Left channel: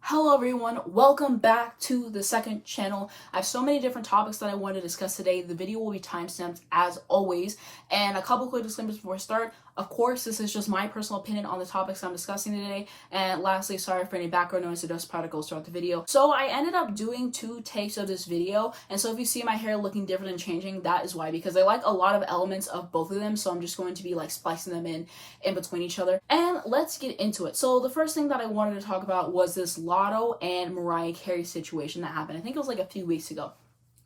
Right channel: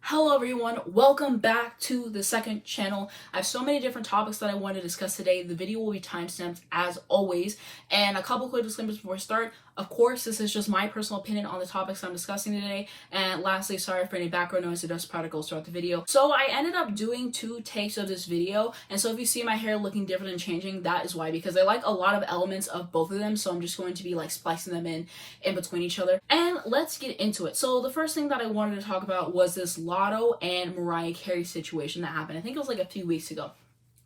Hello everyone, welcome back to the second channel. I have so many different topics that I want to discuss today. The video will be timestamped as always. And a couple quick disclaimers before I start. Of course, this is just my personal opinion on the topics I'm discussing today. And lastly, sorry for any background noise or dust particles throughout the video. So I ended up doing 2 takes of this video. And so if you see my hair looking different and changing, that is why. Because I like a lot of elements of both of them. So I'm just going to be like splicing them in between each other. And let's get into it. So the first thing that I wanted to talk about was this Latto and Mariah Carey situation that happened. I think it was like a few weeks ago.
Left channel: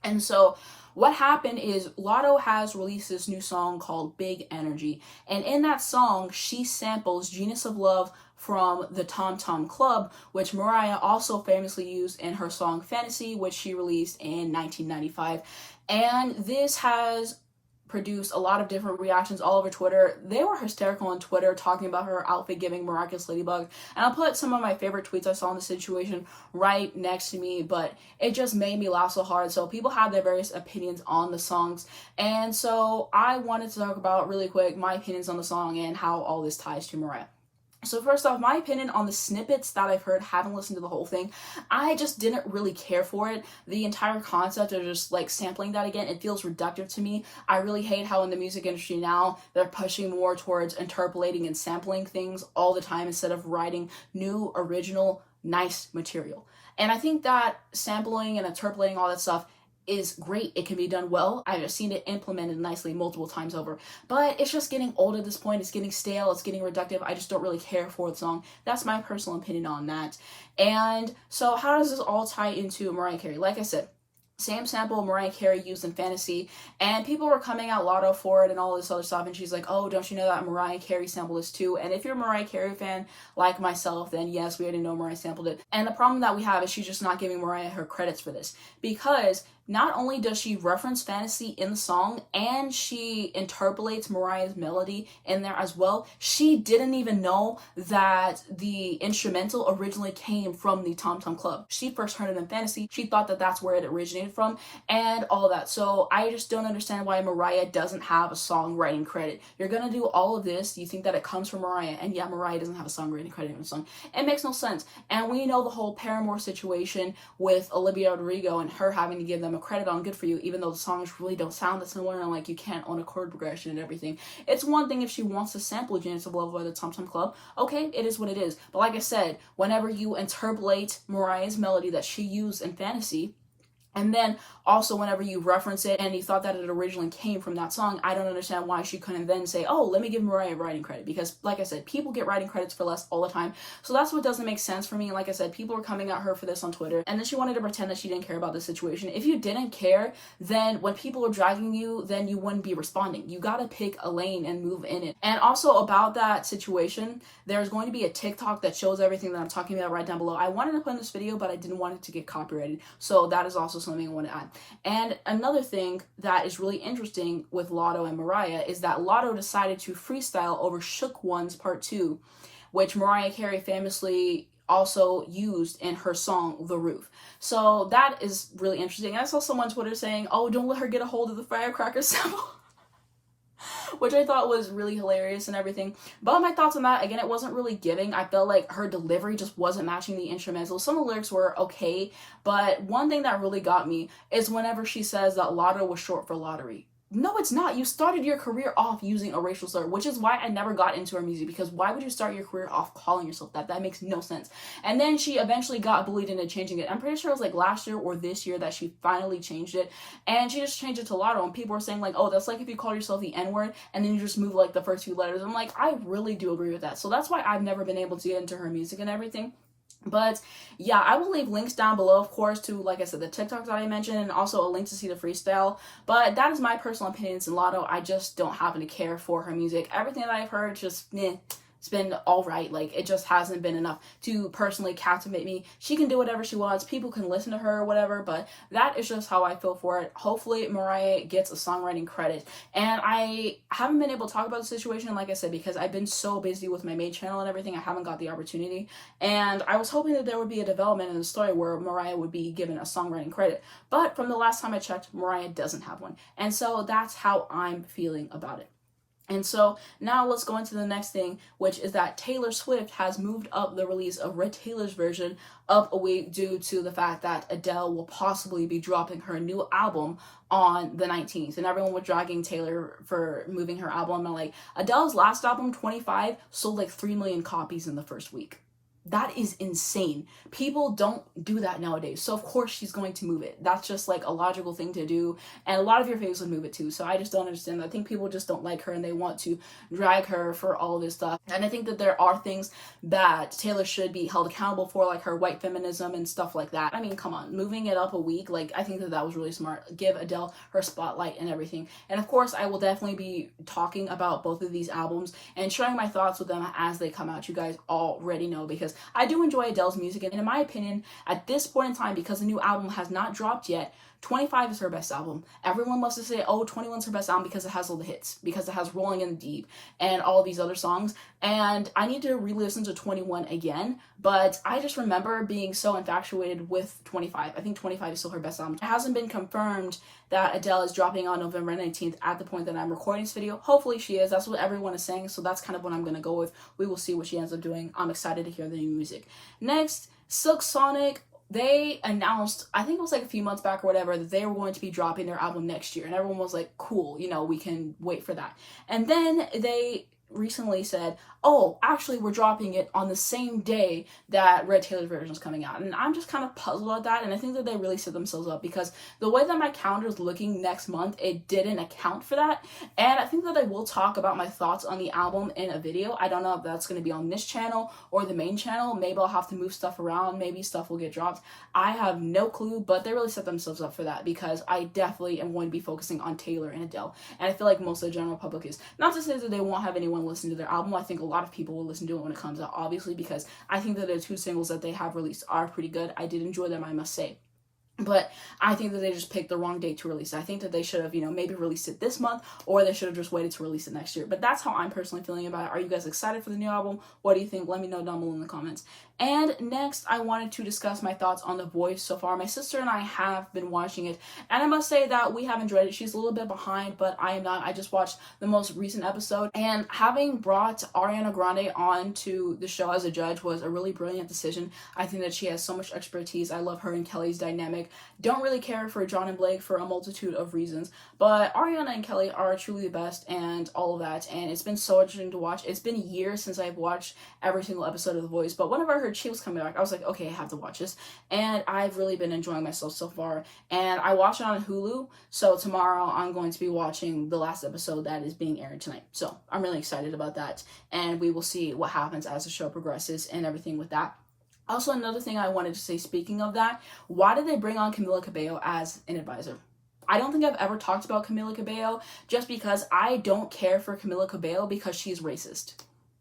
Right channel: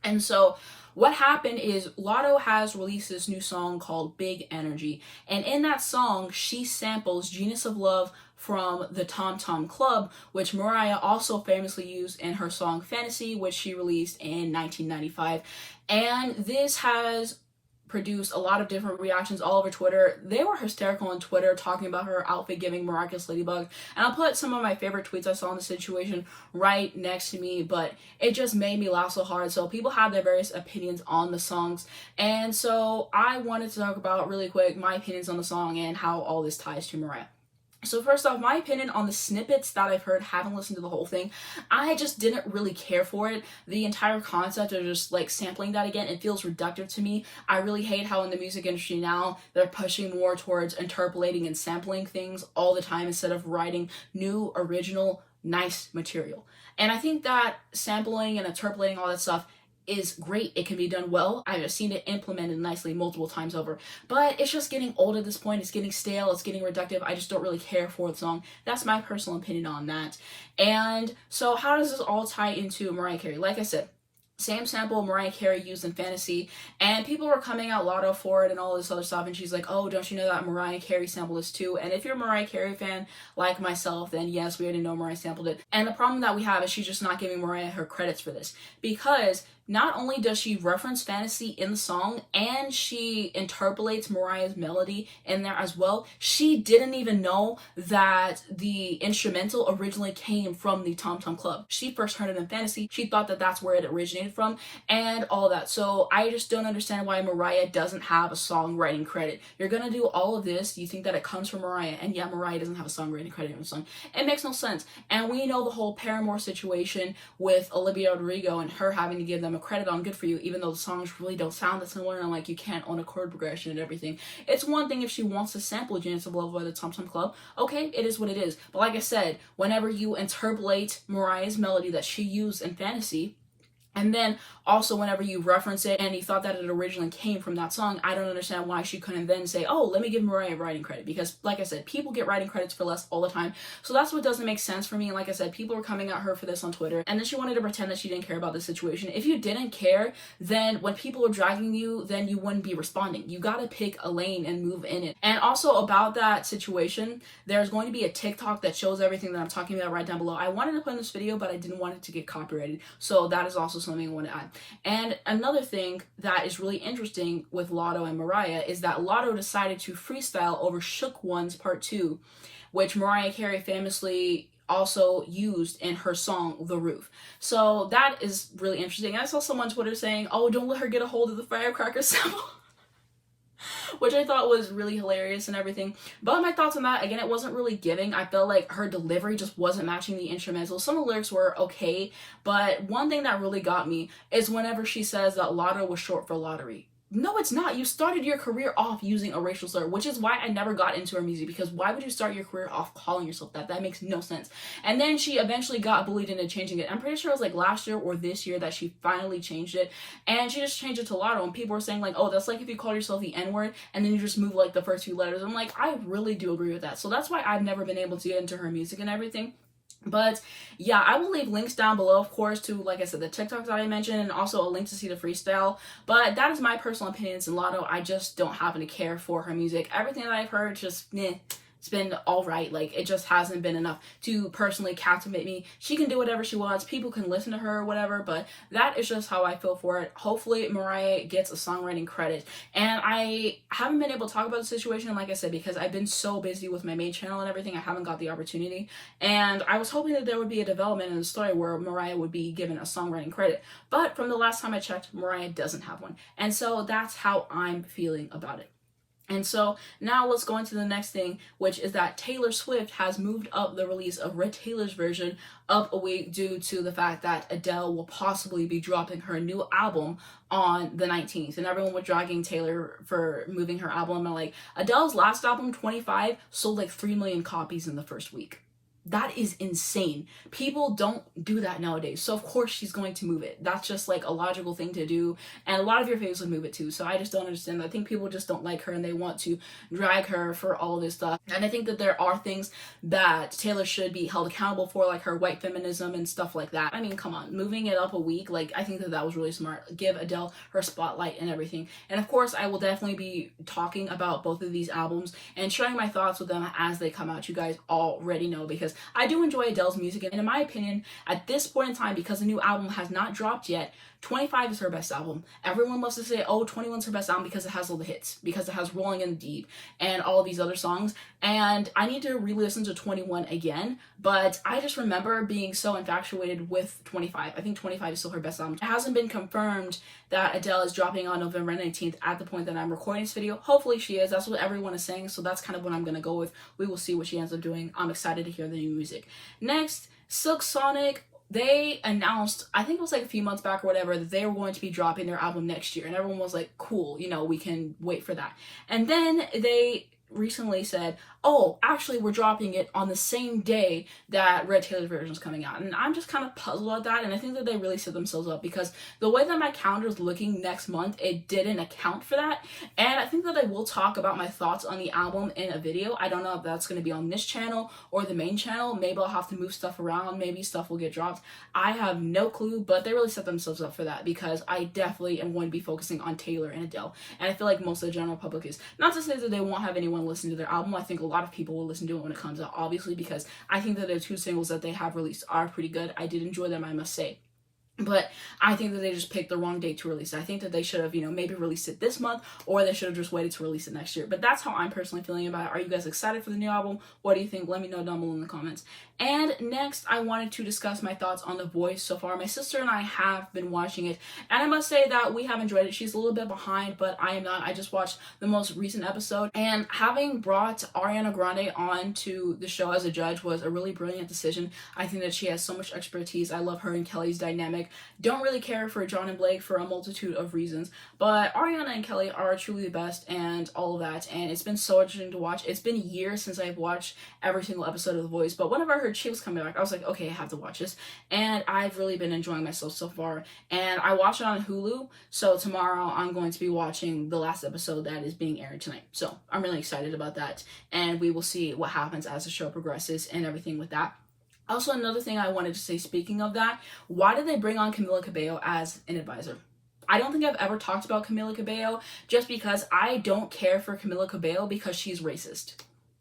And so what happened is Latto has released this new song called Big Energy. And in that song, she samples Genius of Love from the Tom Tom Club, which Mariah also famously used in her song Fantasy, which she released in 1995. And this has produced a lot of different reactions all over Twitter. They were hysterical on Twitter talking about her outfit giving miraculous ladybug, and I'll put some of my favorite tweets I saw in the situation right next to me, but it just made me laugh so hard. So people had their various opinions on the songs, and so I wanted to talk about really quick my opinions on the song and how all this ties to Mariah. So first off, my opinion on the snippets that I've heard, haven't listened to the whole thing. I just didn't really care for it. The entire concept of just like sampling that again, it feels reductive to me. I really hate how in the music industry now, they're pushing more towards interpolating and sampling things all the time instead of writing new, original, nice material. And I think that sampling and interpolating all that stuff is great. It can be done well. I've just seen it implemented nicely multiple times over, but it's just getting old at this point. It's getting stale. It's getting reductive. I just don't really care for the song. That's my personal opinion on that. And so how does this all tie into Mariah Carey? Like I said, same sample Mariah Carey used in Fantasy, and people were coming out Latto for it and all this other stuff, and she's like, oh, don't you know that Mariah Carey sampled this too? And if you're a Mariah Carey fan like myself, then yes, we already know Mariah sampled it. And the problem that we have is she's just not giving Mariah her credits for this, because not only does she reference Fantasy in the song, and she interpolates Mariah's melody in there as well, she didn't even know that the instrumental originally came from the Tom Tom Club. She first heard it in Fantasy. She thought that that's where it originated from and all that. So I just don't understand why Mariah doesn't have a songwriting credit. You're gonna do all of this, you think that it comes from Mariah, and yeah, Mariah doesn't have a songwriting credit in the song. It makes no sense. And we know the whole Paramore situation with Olivia Rodrigo and her having to give them a credit on Good For You, even though the songs really don't sound that similar, and like you can't own a chord progression and everything. It's one thing if she wants to sample Genius of Love by the Tom Tom Club, okay, it is what it is. But like I said, whenever you interpolate Mariah's melody that she used in Fantasy, and then also whenever you reference it and you thought that it originally came from that song, I don't understand why she couldn't then say, oh, let me give Mariah writing credit. Because like I said, people get writing credits for less all the time. So that's what doesn't make sense for me. Like I said, people were coming at her for this on Twitter, and then she wanted to pretend that she didn't care about the situation. If you didn't care, then when people are dragging you, then you wouldn't be responding. You gotta pick a lane and move in it. And also about that situation, there's going to be a TikTok that shows everything that I'm talking about right down below. I wanted to put in this video, but I didn't want it to get copyrighted. So that is also something I want to add. And another thing that is really interesting with Latto and Mariah is that Latto decided to freestyle over Shook One's Part 2, which Mariah Carey famously also used in her song The Roof. So that is really interesting. I saw someone on Twitter saying, oh, don't let her get a hold of the firecracker sample. Which I thought was really hilarious and everything. But my thoughts on that, again, it wasn't really giving. I felt like her delivery just wasn't matching the instrumental. Some of the lyrics were okay, but one thing that really got me is whenever she says that Latto was short for lottery. No, it's not. You started your career off using a racial slur, which is why I never got into her music, because why would you start your career off calling yourself that? That makes no sense. And then she eventually got bullied into changing it. I'm pretty sure it was like last year or this year that she finally changed it, and she just changed it to Latto, and people were saying like, oh, that's like if you call yourself the N-word and then you just move like the first 2 letters. I'm like, I really do agree with that. So that's why I've never been able to get into her music and everything. But yeah, I will leave links down below, of course, to, like I said, the TikToks that I mentioned, and also a link to see the freestyle. But that is my personal opinions in Latto. I just don't happen to care for her music. Everything that I've heard, just it's been all right. Like, it just hasn't been enough to personally captivate me. She can do whatever she wants. People can listen to her or whatever, but that is just how I feel for it. Hopefully Mariah gets a songwriting credit. And I haven't been able to talk about the situation, like I said, because I've been so busy with my main channel and everything, I haven't got the opportunity. And I was hoping that there would be a development in the story where Mariah would be given a songwriting credit. But from the last time I checked, Mariah doesn't have one. And so that's how I'm feeling about it. And so now let's go into the next thing, which is that Taylor Swift has moved up the release of Red Taylor's version up a week due to the fact that Adele will possibly be dropping her new album on the 19th. And everyone was dragging Taylor for moving her album. And like, Adele's last album, 25, sold like 3 million copies in the first week. That is insane. People don't do that nowadays. So of course she's going to move it. That's just like a logical thing to do. And a lot of your faves would move it too. So I just don't understand. I think people just don't like her and they want to drag her for all this stuff. And I think that there are things that Taylor should be held accountable for, like her white feminism and stuff like that. I mean, come on, moving it up a week, like I think that that was really smart. Give Adele her spotlight and everything. And of course, I will definitely be talking about both of these albums and sharing my thoughts with them as they come out. You guys already know, because I do enjoy Adele's music, and in my opinion, at this point in time, because the new album has not dropped yet, 25 is her best album. Everyone loves to say, oh, 21's her best album because it has all the hits, because it has Rolling in the Deep and all these other songs. And I need to re-listen to 21 again, but I just remember being so infatuated with 25. I think 25 is still her best album. It hasn't been confirmed that Adele is dropping on November 19th at the point that I'm recording this video. Hopefully she is. That's what everyone is saying, so that's kind of what I'm going to go with. We will see what she ends up doing. I'm excited to hear the new music. Next, Silk Sonic. They announced, I think it was like a few months back or whatever, that they were going to be dropping their album next year. And everyone was like, cool, you know, we can wait for that. And then they recently said, oh, actually we're dropping it on the same day that Red Taylor's version is coming out. And I'm just kind of puzzled at that, and I think that they really set themselves up, because the way that my calendar is looking next month, it didn't account for that. And I think that I will talk about my thoughts on the album in a video. I don't know if that's going to be on this channel or the main channel. Maybe I'll have to move stuff around, maybe stuff will get dropped. I have no clue, but they really set themselves up for that, because I definitely am going to be focusing on Taylor and Adele, and I feel like most of the general public is. Not to say that they won't have anyone listen to their album. I think a lot of people will listen to it when it comes out, obviously, because I think that the 2 singles that they have released are pretty good. I did enjoy them, I must say. But I think that they just picked the wrong date to release it. I think that they should have, you know, maybe released it this month, or they should have just waited to release it next year. But that's how I'm personally feeling about it. Are you guys excited for the new album? What do you think? Let me know down below in the comments. And next, I wanted to discuss my thoughts on The Voice so far. My sister and I have been watching it, and I must say that we have enjoyed it. She's a little bit behind, but I am not. I just watched the most recent episode, and having brought Ariana Grande on to the show as a judge was a really brilliant decision. I think that she has so much expertise. I love her and Kelly's dynamic. Don't really care for John and Blake for a multitude of reasons, but Ariana and Kelly are truly the best, and all of that, and it's been so interesting to watch. It's been years since I've watched every single episode of The Voice, but whenever I heard she was coming back, I was like, okay, I have to watch this, and I've really been enjoying myself so far. And I watched it on Hulu, so tomorrow I'm going to be watching the last episode that is being aired tonight, so I'm really excited about that, and we will see what happens as the show progresses and everything with that. Also, another thing I wanted to say, speaking of that, why did they bring on Camila Cabello as an advisor? I don't think I've ever talked about Camila Cabello, just because I don't care for Camila Cabello because she's racist.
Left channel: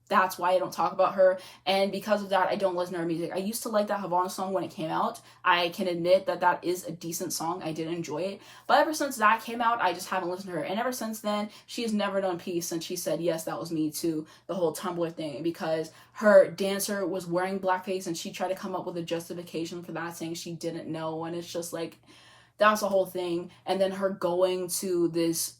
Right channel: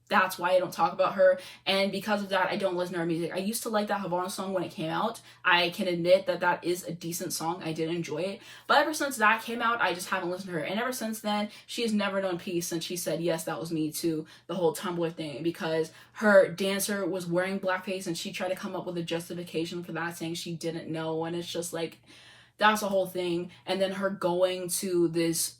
That's why I don't talk about her, and because of that, I don't listen to her music. I used to like that Havana song when it came out. I can admit that that is a decent song. I did enjoy it, but ever since that came out, I just haven't listened to her, and ever since then, she has never known peace since she said, yes, that was me, to the whole Tumblr thing, because her dancer was wearing blackface, and she tried to come up with a justification for that, saying she didn't know, and it's just like, that's the whole thing. And then her going to this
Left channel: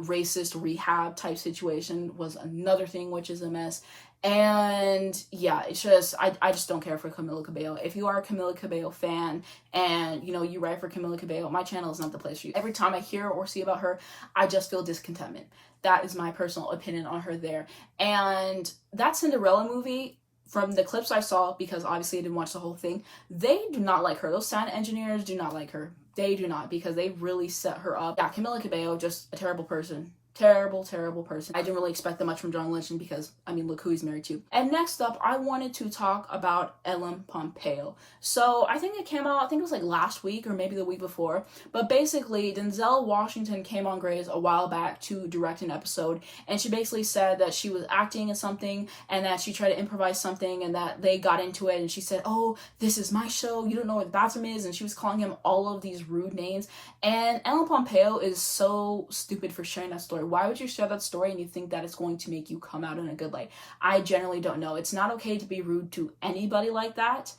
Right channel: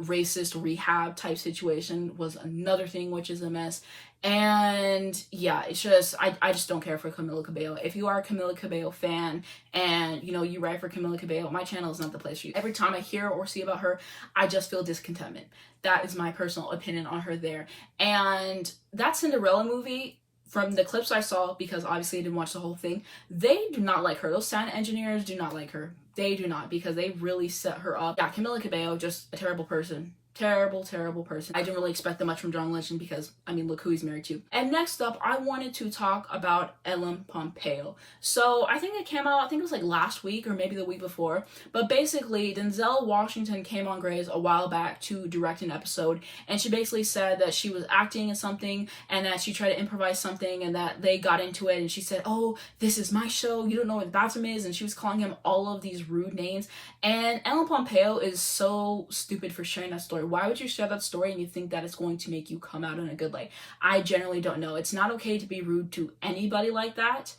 racist rehab type situation was another thing, which is a mess. And yeah, it's just, I just don't care for Camila Cabello. If you are a Camila Cabello fan and, you know, you write for Camila Cabello, my channel is not the place for you. Every time I hear or see about her, I just feel discontentment. That is my personal opinion on her there. And that Cinderella movie, from the clips I saw, because obviously I didn't watch the whole thing, they do not like her. Those sound engineers do not like her. They do not, because they really set her up. Yeah, Camila Cabello, just a terrible person. Terrible, terrible person. I didn't really expect that much from John Legend, because, I mean, look who he's married to. And next up, I wanted to talk about Ellen Pompeo. So I think it came out, I think it was like last week or maybe the week before. But basically, Denzel Washington came on Grey's a while back to direct an episode. And she basically said that she was acting in something and that she tried to improvise something and that they got into it. And she said, oh, this is my show. You don't know what bathroom is. And she was calling him all of these rude names. And Ellen Pompeo is so stupid for sharing that story. Why would you share that story and you think that it's going to make you come out in a good light? I generally don't know. It's not okay to be rude to anybody like that.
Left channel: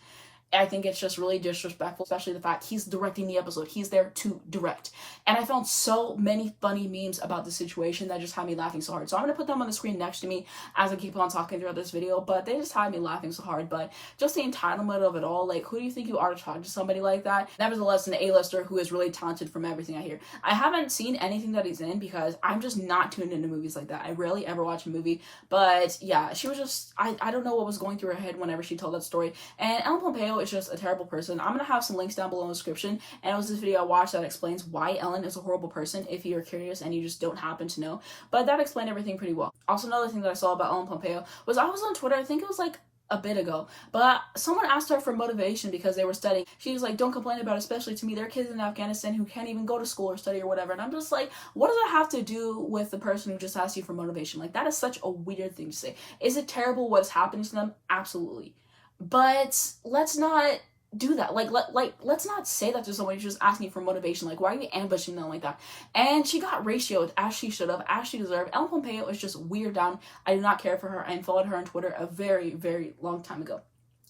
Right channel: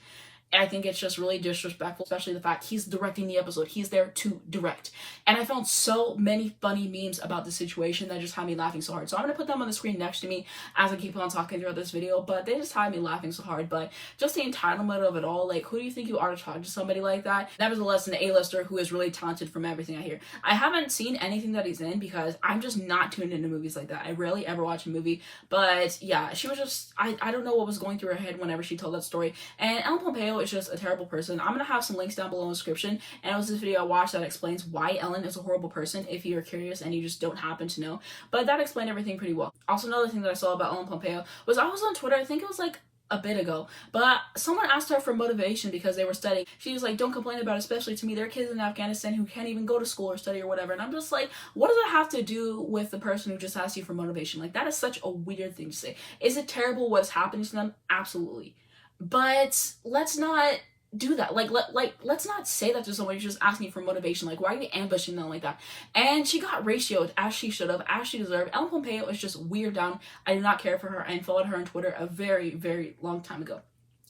I think it's just really disrespectful, especially the fact he's directing the episode. He's there to direct. And I found so many funny memes about the situation that just had me laughing so hard. So I'm going to put them on the screen next to me as I keep on talking throughout this video, but they just had me laughing so hard. But just the entitlement of it all, like, who do you think you are to talk to somebody like that? Nevertheless, an A-lister who is really talented from everything I hear. I haven't seen anything that he's in because I'm just not tuned into movies like that. I rarely ever watch a movie, but yeah, she was just, I don't know what was going through her head whenever she told that story. And Ellen Pompeo is just a terrible person. I'm gonna have some links down below in the description, and it was this video I watched that explains why Ellen is a horrible person if you're curious and you just don't happen to know. But that explained everything pretty well. Also, another thing that I saw about Ellen Pompeo was I was on Twitter, I think it was like a bit ago, but someone asked her for motivation because they were studying. She was like, don't complain about it, especially to me. There are kids in Afghanistan who can't even go to school or study or whatever. And I'm just like, what does it have to do with the person who just asked you for motivation? Like, that is such a weird thing to say. Is it terrible what's happening to them? Absolutely. But let's not do that. Let's not say that to someone who's just asking you for motivation. Like, why are you ambushing them like that? And she got ratioed as she should have, as she deserved. Ellen Pompeo is just weird down. I do not care for her and followed her on Twitter a very, very long time ago.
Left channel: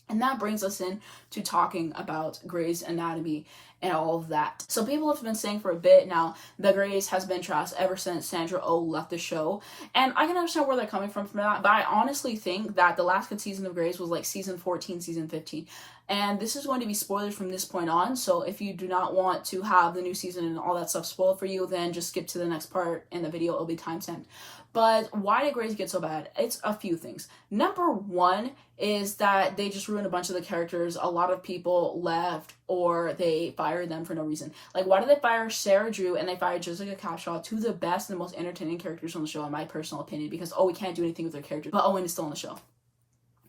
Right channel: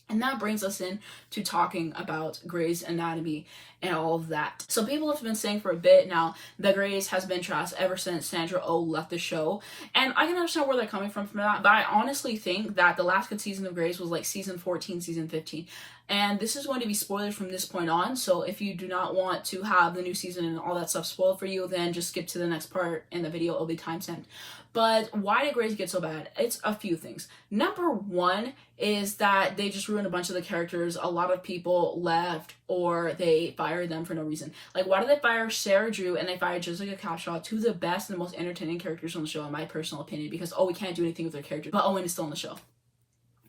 And that brings us in to talking about Grey's Anatomy and all of that. So people have been saying for a bit now that Grey's has been trashed ever since Sandra Oh left the show. And I can understand where they're coming from that. But I honestly think that the last good season of Grey's was like season 14, season 15. And this is going to be spoilers from this point on. So if you do not want to have the new season and all that stuff spoiled for you, then just skip to the next part in the video. It'll be timestamped. But why did Grey's get so bad? It's a few things. Number one is that they just ruined a bunch of the characters. A lot of people left or they fired them for no reason. Like, why did they fire Sarah Drew and they fired Jessica Capshaw, two of the best and most entertaining characters on the show, in my personal opinion? Because, oh, we can't do anything with their characters, but Owen is still on the show.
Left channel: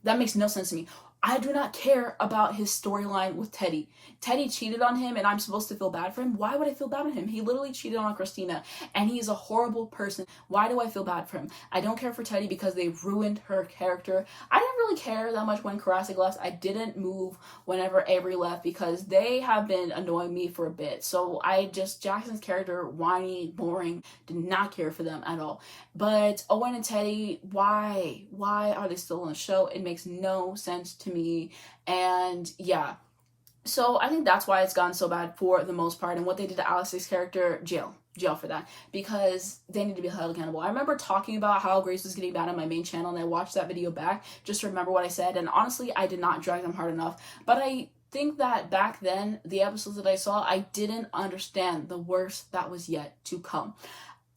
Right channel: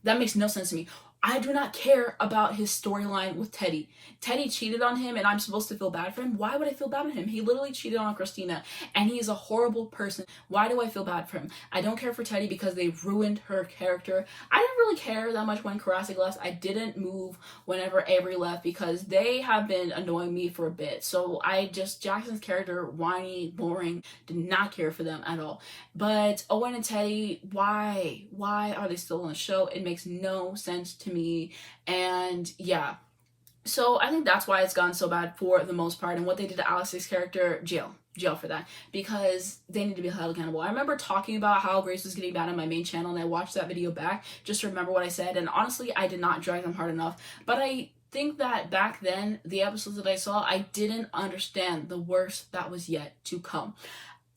That makes no sense to me. I do not care about his storyline with Teddy. Teddy cheated on him and I'm supposed to feel bad for him? Why would I feel bad on him? He literally cheated on Christina and he is a horrible person. Why do I feel bad for him? I don't care for Teddy because they ruined her character. I didn't really care that much when Karasik left. I didn't move whenever Avery left because they have been annoying me for a bit. So Jackson's character, whiny, boring, did not care for them at all. But Owen and Teddy, why? Why are they still on the show? It makes no sense to me. And yeah, so I think that's why it's gone so bad for the most part. And what they did to Alex's character, jail for that, because they need to be held accountable. I remember talking about how Grace was getting bad on my main channel, and I watched that video back just to remember what I said, and honestly I did not drive them hard enough. But I think that back then, the episodes that I saw, I didn't understand the worst that was yet to come.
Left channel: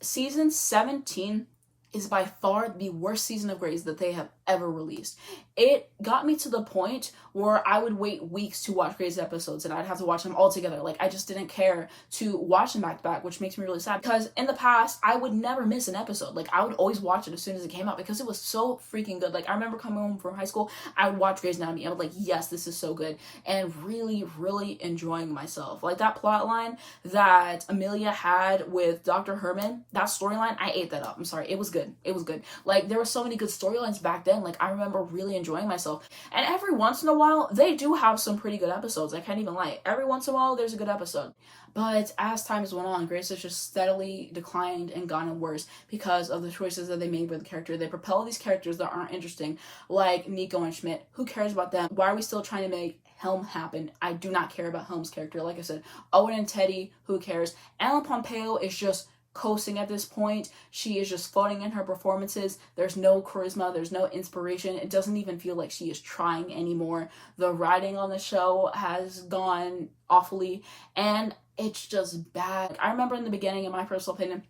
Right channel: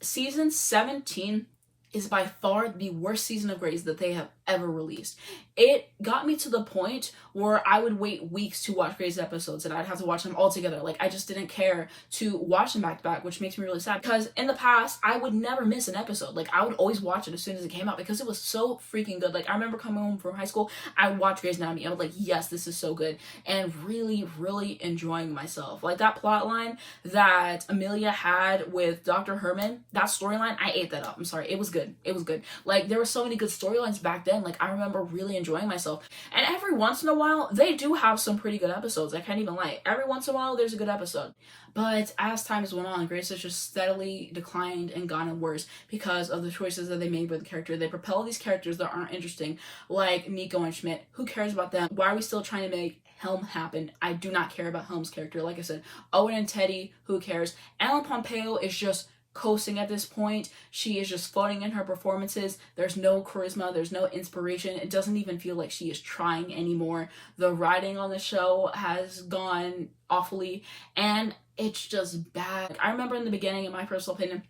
Season 17 is by far the worst season of Grey's that they have ever released. It got me to the point where I would wait weeks to watch Grey's episodes and I'd have to watch them all together. Like, I just didn't care to watch them back to back, which makes me really sad because in the past I would never miss an episode. Like, I would always watch it as soon as it came out because it was so freaking good. Like, I remember coming home from high school, I would watch Grey's Anatomy. I was like, yes, this is so good, and really, really enjoying myself. Like, that plot line that Amelia had with Dr. Herman, that storyline, I ate that up. I'm sorry, it was good. It was good. Like, there were so many good storylines back then. Like, I remember really enjoying myself. And every once in a while, they do have some pretty good episodes. I can't even lie. Every once in a while, there's a good episode. But as time has went on, Grace has just steadily declined and gotten worse because of the choices that they made with the character. They propel these characters that aren't interesting, like Nico and Schmidt. Who cares about them? Why are we still trying to make Helm happen? I do not care about Helm's character. Like I said, Owen and Teddy, who cares? Ellen Pompeo is just coasting at this point. She is just floating in her performances. There's no charisma, there's no inspiration. It doesn't even feel like she is trying anymore. The writing on the show has gone awfully and it's just bad. I remember in the beginning, in my personal opinion,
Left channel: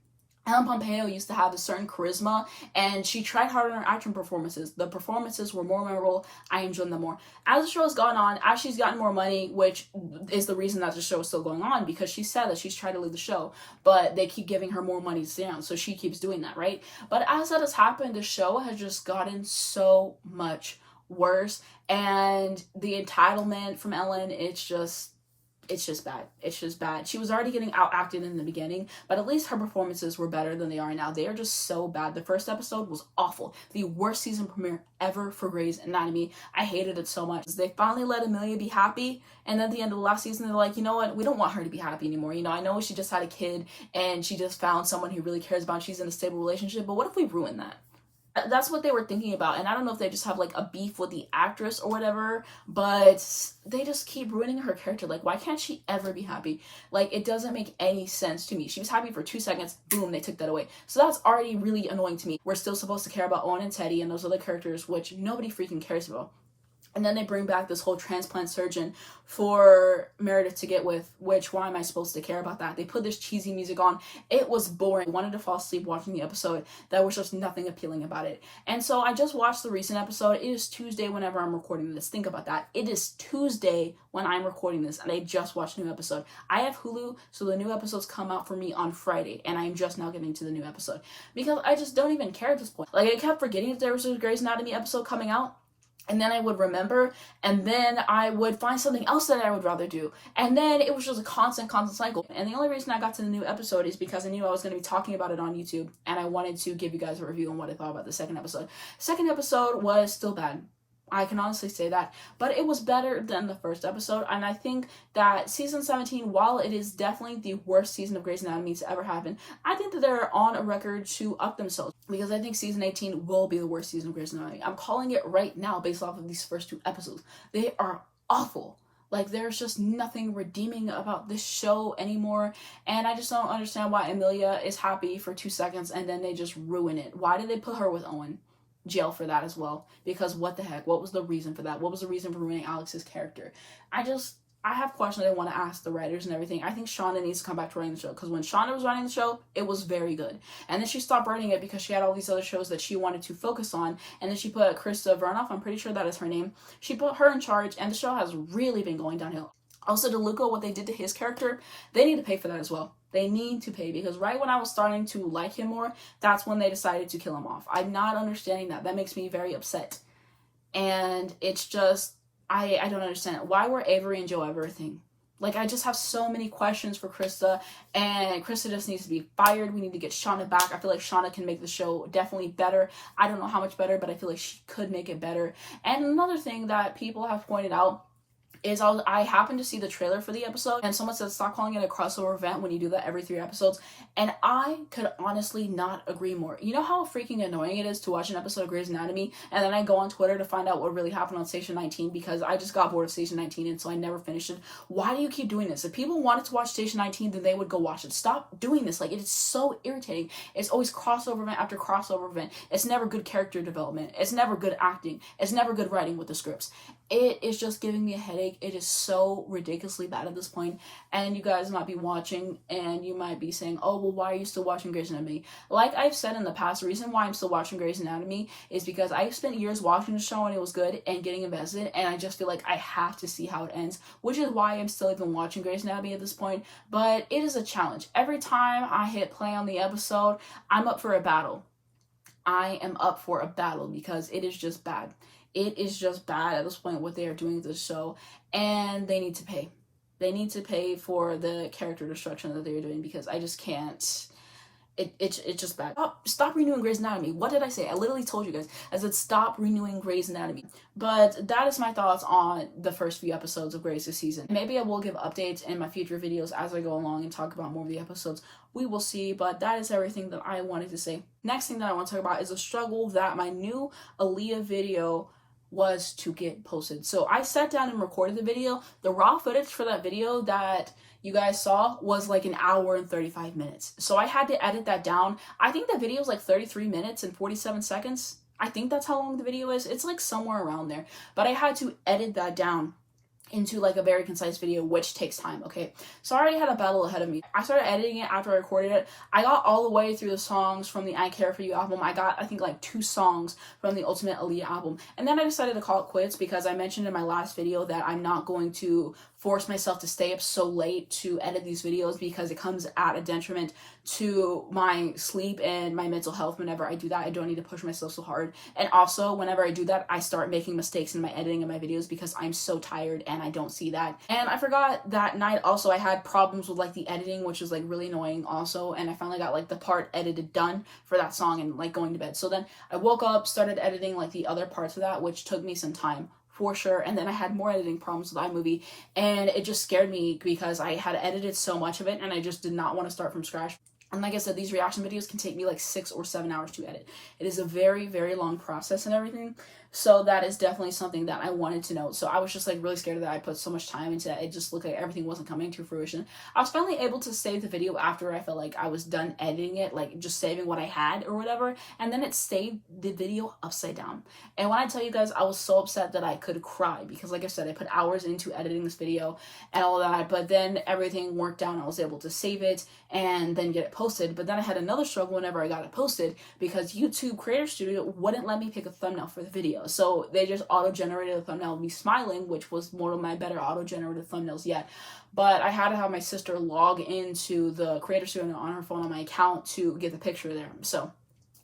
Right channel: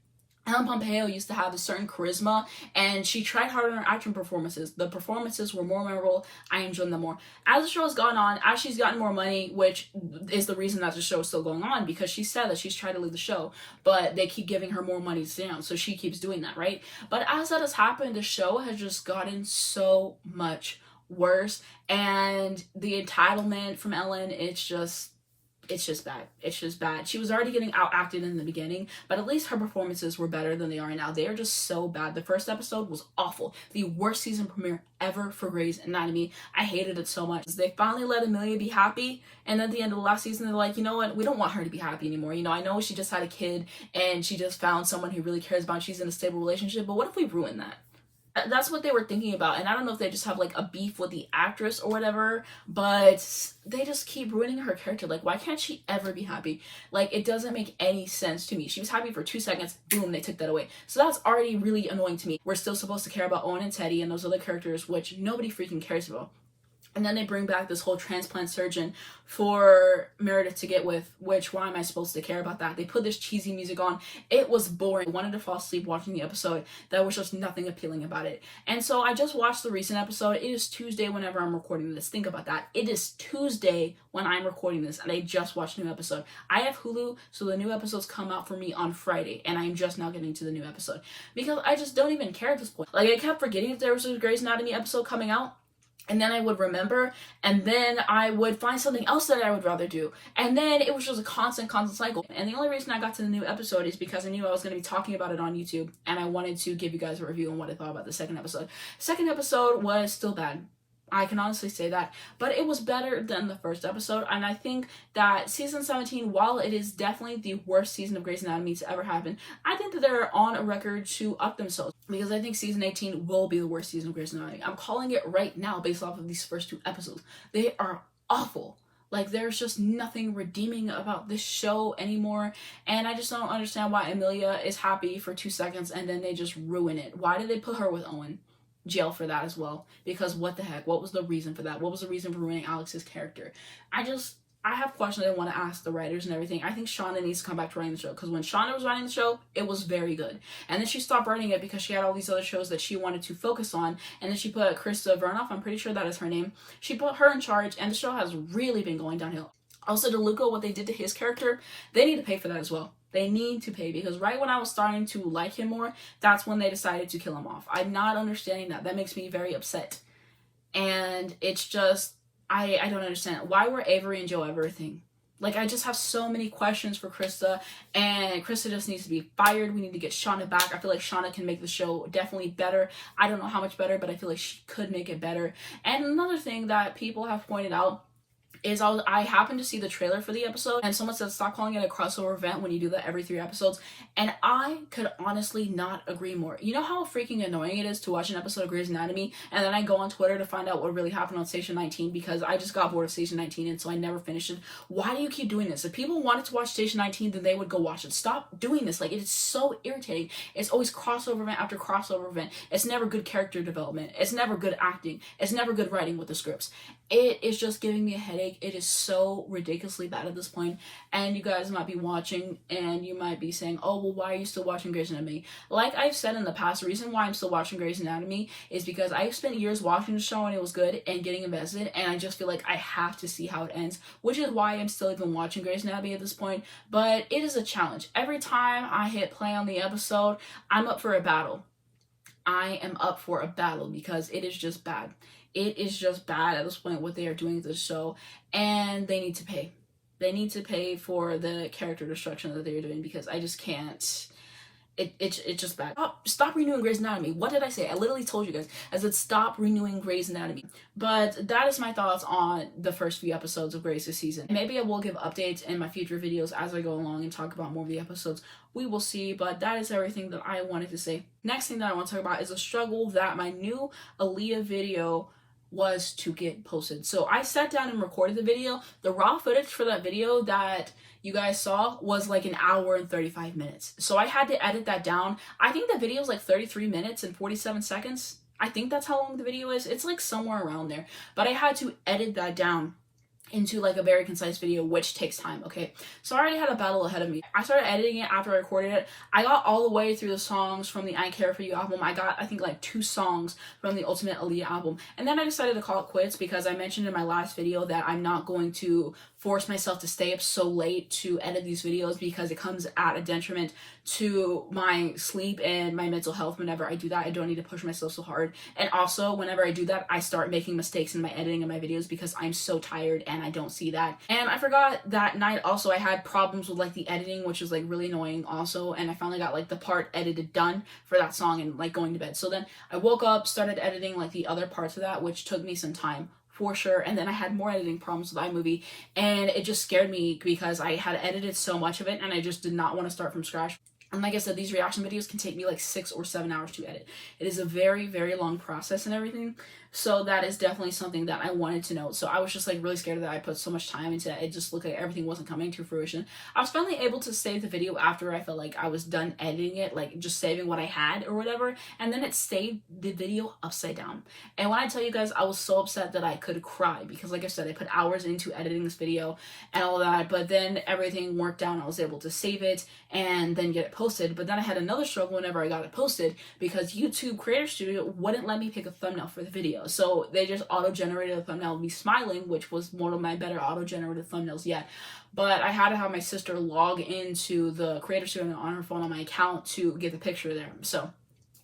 Ellen Pompeo used to have a certain charisma and she tried harder in her action performances. The performances were more memorable. I enjoyed them more. As the show has gone on, as she's gotten more money, which is the reason that the show is still going on, because she said that she's tried to leave the show, but they keep giving her more money to stay on, so she keeps doing that, right? But as that has happened, the show has just gotten so much worse, and the entitlement from Ellen, it's just bad. It's just bad. She was already getting outacted in the beginning, but at least her performances were better than they are now. They are just so bad. The first episode was awful. The worst season premiere ever for Grey's Anatomy. I hated it so much. They finally let Amelia be happy, and at the end of the last season, they're like, you know what? We don't want her to be happy anymore. You know, I know she just had a kid, and she just found someone who really cares about her. She's in a stable relationship, but what if we ruin that? That's what they were thinking about, and I don't know if they just have like a beef with the actress or whatever, but they just keep ruining her character. Like, why can't she ever be happy? Like, it doesn't make any sense to me. She was happy for 2 seconds, boom, they took that away. So that's already really annoying to me. We're still supposed to care about Owen and Teddy and those other characters, which nobody freaking cares about. And then they bring back this whole transplant surgeon for Meredith to get with, which, why am I supposed to care about that? They put this cheesy music on. It was boring. I wanted to fall asleep watching the episode. There was just nothing appealing about it. And so I just watched the recent episode. It is Tuesday whenever I'm recording this. Think about that. It is Tuesday when I'm recording this, and I just watched a new episode. I have Hulu, so the new episodes come out for me on Friday, and I am just now getting to the new episode. Because I just don't even care at this point. Like, I kept forgetting that there was a Grey's Anatomy episode coming out. And then I would remember, and then I would find something else that I would rather do. And then it was just a constant cycle. And the only reason I got to the new episode is because I knew I was going to be talking about it on YouTube, and I wanted to give you guys a review on what I thought about the second episode. Second episode was still bad. I can honestly say that, but it was better than the first episode, and I think that season 17, while it is definitely the worst season of Grey's Anatomy to ever happen, I think that they're on a record to up themselves, because I think season 18 will be the worst season of Grey's Anatomy. I'm calling it right now based off of these first 2 episodes. They are awful. Like, there's just nothing redeeming about this show anymore, and I just don't understand why Amelia is happy for 2 seconds and then they just ruin it. Why did they put her with Owen? Jail for that as well, because what the heck, what was the reason for that? What was the reason for ruining Alex's character? I have questions I want to ask the writers and everything. I think Shonda needs to come back to writing the show, because when Shonda was writing the show, it was very good, and then she stopped writing it because she had all these other shows that she wanted to focus on, and then she put Krista Vernoff, I'm pretty sure that is her name, she put her in charge, and the show has really been going downhill. Also, DeLuca, what they did to his character, they need to pay for that as well. They need to pay, because right when I was starting to like him more, that's when they decided to kill him off. I'm not understanding that. That makes me very upset. And it's just, I don't understand. Why were Avery and Joe ever a thing? Like, I just have so many questions for Krista, and Krista just needs to be fired. We need to get Shauna back. I feel like Shauna can make the show definitely better. I don't know how much better, but I feel like she could make it better. And another thing that people have pointed out is I happened to see the trailer for the episode, and someone said stop calling it a crossover event when you do that every 3 episodes, and I could honestly not agree more. You know how freaking annoying it is to watch an episode of Grey's Anatomy and then I go on Twitter to find out what really happened on Station 19, because I just got bored of Station 19 and so I never finished it. Why do you keep doing this? If people wanted to watch Station 19, then they would go watch it. Stop doing this. Like, it is so irritating. It's always crossover event after crossover event. It's never good character development. It's never good acting. It's never good writing with the scripts. It is just giving me a headache. It is so ridiculously bad at this point, and you guys might be watching and you might be saying, oh, well, why are you still watching Grey's Anatomy? Like I've said in the past, the reason why I'm still watching Grey's Anatomy is because I've spent years watching the show when it was good and getting invested, and I just feel like I have to see how it ends, which is why I'm still even watching Grey's Anatomy at this point. But it is a challenge. Every time I hit play on the episode, I'm up for a battle. I am up for a battle because it is just bad. It is just bad at this point what they are doing to the show, and they need to pay. They need to pay for the character destruction that they are doing, because I just can't. It's just bad. Stop renewing Grey's Anatomy. What did I say? I literally told you guys. I said stop renewing Grey's Anatomy. But that is my thoughts on the first few episodes of Grey's this season. Maybe I will give updates in my future videos as I go along and talk about more of the episodes. We will see, but that is everything that I wanted to say. Next thing that I want to talk about is a struggle that my new Aaliyah video was to get posted. So I sat down and recorded the video. The raw footage for that video that you guys saw was like an hour and 35 minutes. So I had to edit that down. I think the video is like 33 minutes and 47 seconds. I think that's how long the video is. It's like somewhere around there. But I had to edit that down into like a very concise video, which takes time. Okay, so I already had a battle ahead of me. I started editing it after I recorded it. I got all the way through the songs from the I Care For You album. I got, I think, like 2 songs from the Ultimate Aaliyah album, and then I decided to call it quits, because I mentioned in my last video that I'm not going to force myself to stay up so late to edit these videos, because it comes at a detriment to my sleep and my mental health. Whenever I do that, I don't need to push myself so hard. And also, whenever I do that, I start making mistakes in my editing of my videos because I'm so tired and I don't see that. And I forgot that night also I had problems with like the editing, which was like really annoying also, and I finally got like the part edited done for that song and like going to bed. So then I woke up, started editing like the other parts of that, which took me some time for sure. And then I had more editing problems with iMovie, and it just scared me because I had edited so much of it and I just did not want to start from scratch. And like I said, these reaction videos can take me like 6 or 7 hours to edit. It is a very, very long process and everything. So that is definitely something that I wanted to know. So I was just like really scared that I put so much time into that. It just looked like everything wasn't coming to fruition. I was finally able to save the video after I felt like I was done editing it, like just saving what I had or whatever. And then it saved the video upside down. And when I tell you guys, I was so upset that I could cry because like I said, I put hours into editing this video and all that. But then everything worked out and I was able to save it and then get it posted. But then I had another struggle whenever I got it posted because YouTube Creator Studio wouldn't let me pick a thumbnail for the video. So they just auto-generated a thumbnail of me smiling, which was one of my better auto-generated thumbnails yet. But I had to have my sister log into the Creator Studio on her phone on my account to get the picture there. So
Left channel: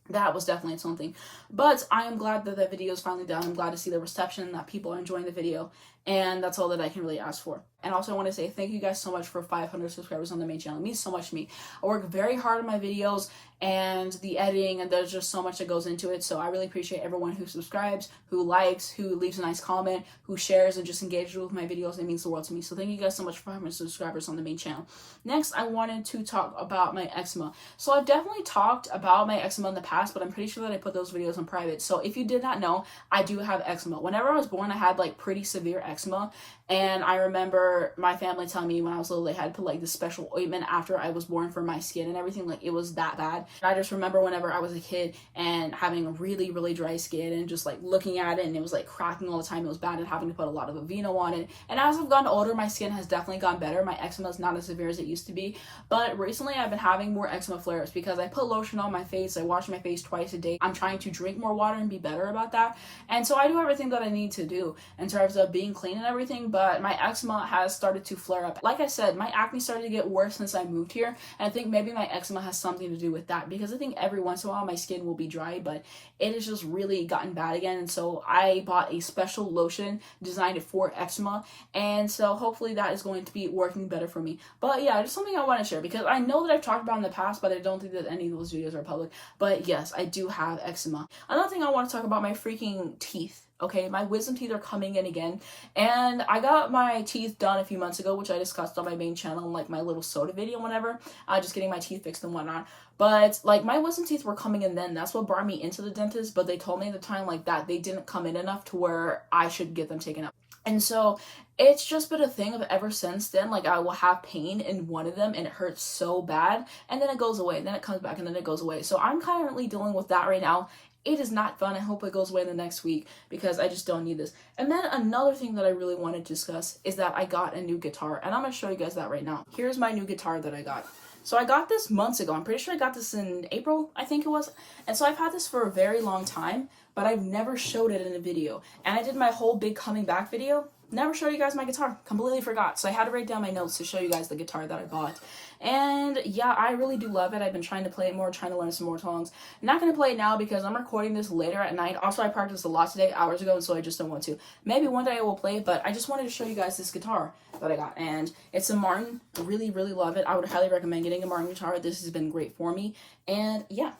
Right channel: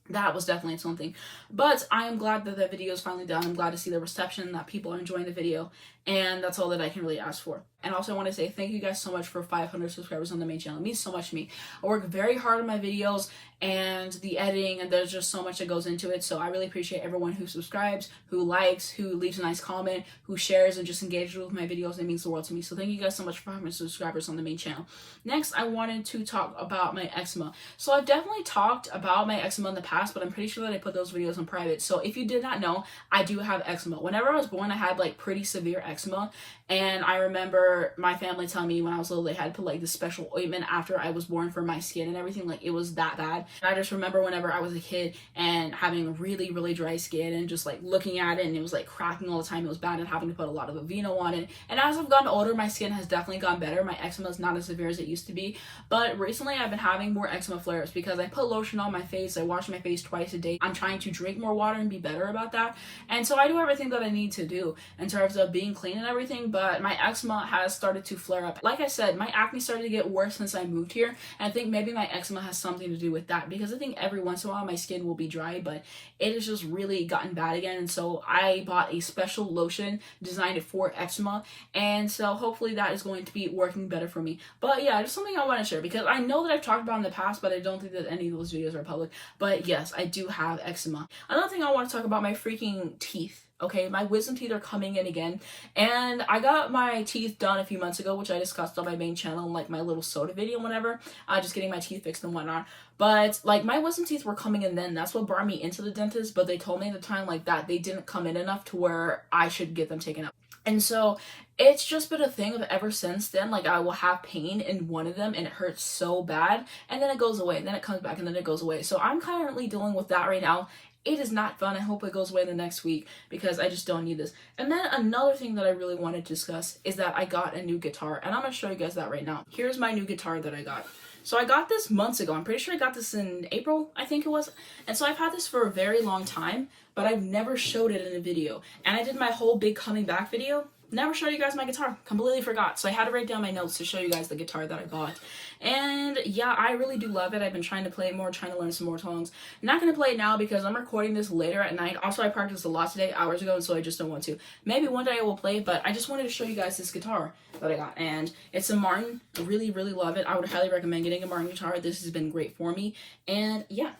that was definitely something. But I am glad that that video is finally done. I'm glad to see the reception, that people are enjoying the video. And that's all that I can really ask for. And also I want to say thank you guys so much for 500 subscribers on the main channel. It means so much to me. I work very hard on my videos and the editing, and there's just so much that goes into it. So I really appreciate everyone who subscribes, who likes, who leaves a nice comment, who shares and just engages with my videos. It means the world to me. So thank you guys so much for 500 subscribers on the main channel. Next, I wanted to talk about my eczema. So I've definitely talked about my eczema in the past, but I'm pretty sure that I put those videos on private. So if you did not know, I do have eczema. Whenever I was born, I had like pretty severe eczema. And I remember my family telling me when I was little, they had to put like this special ointment after I was born for my skin and everything. Like it was that bad. And I just remember whenever I was a kid and having really, really dry skin and just like looking at it and it was like cracking all the time. It was bad and having to put a lot of Aveeno on it. And as I've gotten older, my skin has definitely gotten better. My eczema is not as severe as it used to be. But recently I've been having more eczema flares because I put lotion on my face. I wash my face twice a day. I'm trying to drink more water and be better about that. And so I do everything that I need to do in terms of being clean and everything. But my eczema has started to flare up. Like I said, my acne started to get worse since I moved here, and I think maybe my eczema has something to do with that because I think every once in a while my skin will be dry, but it has just really gotten bad again. And so I bought a special lotion designed for eczema, and so hopefully that is going to be working better for me. But yeah, just something I want to share because I know that I've talked about in the past, but I don't think that any of those videos are public. But yes, I do have eczema. Another thing I want to talk about, my freaking teeth. Okay, my wisdom teeth are coming in again, and I got my teeth done a few months ago, which I discussed on my main channel in like my little soda video whenever, just getting my teeth fixed and whatnot. But like my wisdom teeth were coming in then. That's what brought me into the dentist, but they told me at the time like that they didn't come in enough to where I should get them taken out. And so it's just been a thing of ever since then, like I will have pain in one of them and it hurts so bad, and then it goes away, and then it comes back, and then it goes away. So I'm currently dealing with that right now. It is not fun. I hope it goes away in the next week because I just don't need this. And then another thing that I really want to discuss is that I got a new guitar, and I'm going to show you guys that right now. Here's my new guitar that I got. So I got this months ago. I'm pretty sure I got this in April, I think it was. And so I've had this for a very long time, but I've never showed it in a video. And I did my whole big coming back video. Never showed you guys my guitar. Completely forgot. So I had to write down my notes to show you guys the guitar that I bought. And yeah, I really do love it. I've been trying to play it more, trying to learn some more songs. I'm not going to play it now because I'm recording this later at night. Also, I practiced a lot today, hours ago, and so I just don't want to. Maybe one day I will play, but I just wanted to show you guys this guitar that I got. And it's a Martin. I really, really love it. I would highly recommend getting a Martin guitar. This has been great for me. And yeah.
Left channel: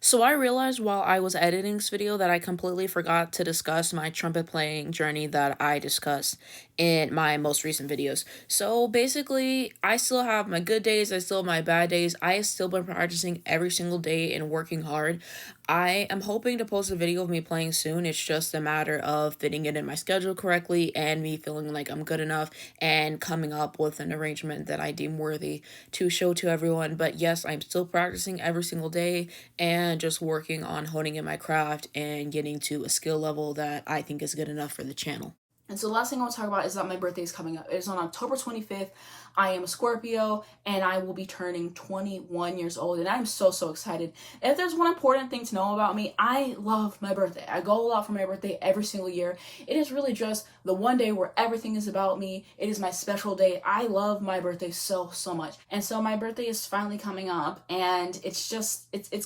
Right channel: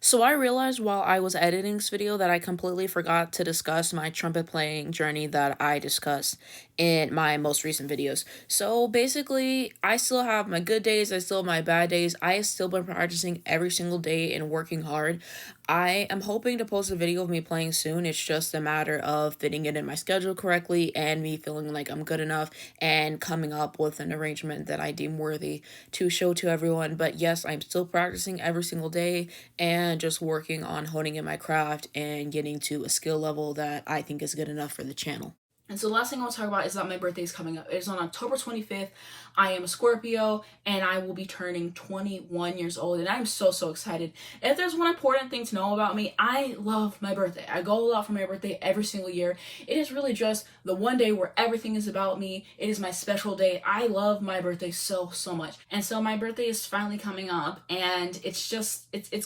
So I realized while I was editing this video that I completely forgot to discuss my trumpet playing journey that I discussed in my most recent videos. So basically, I still have my good days, I still have my bad days. I have still been practicing every single day and working hard. I am hoping to post a video of me playing soon. It's just a matter of fitting it in my schedule correctly and me feeling like I'm good enough and coming up with an arrangement that I deem worthy to show to everyone. But yes, I'm still practicing every single day and just working on honing in my craft and getting to a skill level that I think is good enough for the channel. And so the last thing I want to talk about is that my birthday is coming up. It's on October 25th. I am a Scorpio, and I will be turning 21 years old, and I'm so, so excited. If there's one important thing to know about me, I love my birthday. I go all out for my birthday every single year. It is really just the one day where everything is about me. It is my special day. I love my birthday so, so much. And so my birthday is finally coming up, and it's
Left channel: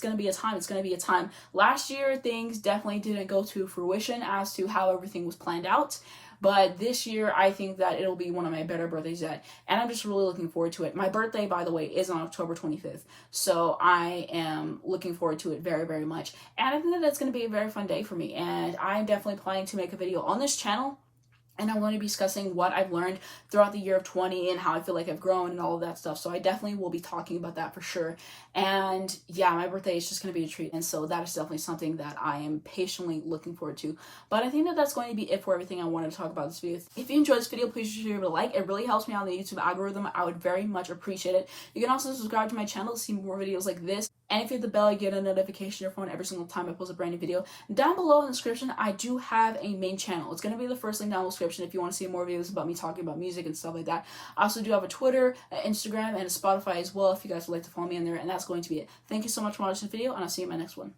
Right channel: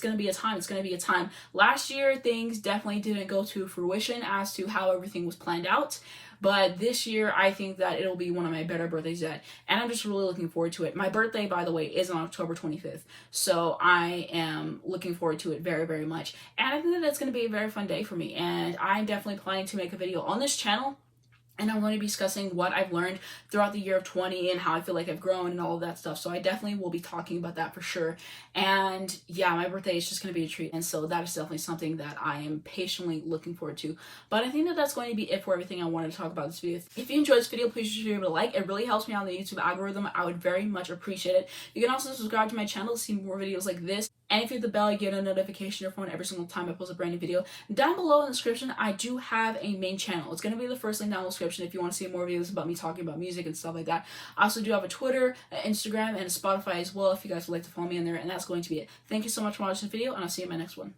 going to be a time. It's going to be a time. Last year, things definitely didn't go to fruition as to how everything was planned out. But this year, I think that it'll be one of my better birthdays yet. And I'm just really looking forward to it. My birthday, by the way, is on October 25th. So I am looking forward to it very, very much. And I think that it's going to be a very fun day for me. And I'm definitely planning to make a video on this channel and I'm going to be discussing what I've learned throughout the year of 20 and how I feel like I've grown and all of that stuff. So I definitely will be talking about that for sure. And yeah, my birthday is just going to be a treat. And so that is definitely something that I am patiently looking forward to. But I think that that's going to be it for everything I wanted to talk about this video. If you enjoyed this video, please be sure to like. It really helps me out on the YouTube algorithm. I would very much appreciate it. You can also subscribe to my channel to see more videos like this. And if you hit the bell, you get a notification on your phone every single time I post a brand new video. Down below in the description, I do have a main channel. It's going to be the first link down in the description if you want to see more videos about me talking about music and stuff like that. I also do have a Twitter, an Instagram, and a Spotify as well if you guys would like to follow me in there. And that's going to be it. Thank you so much for watching this video, and I'll see you in my next one.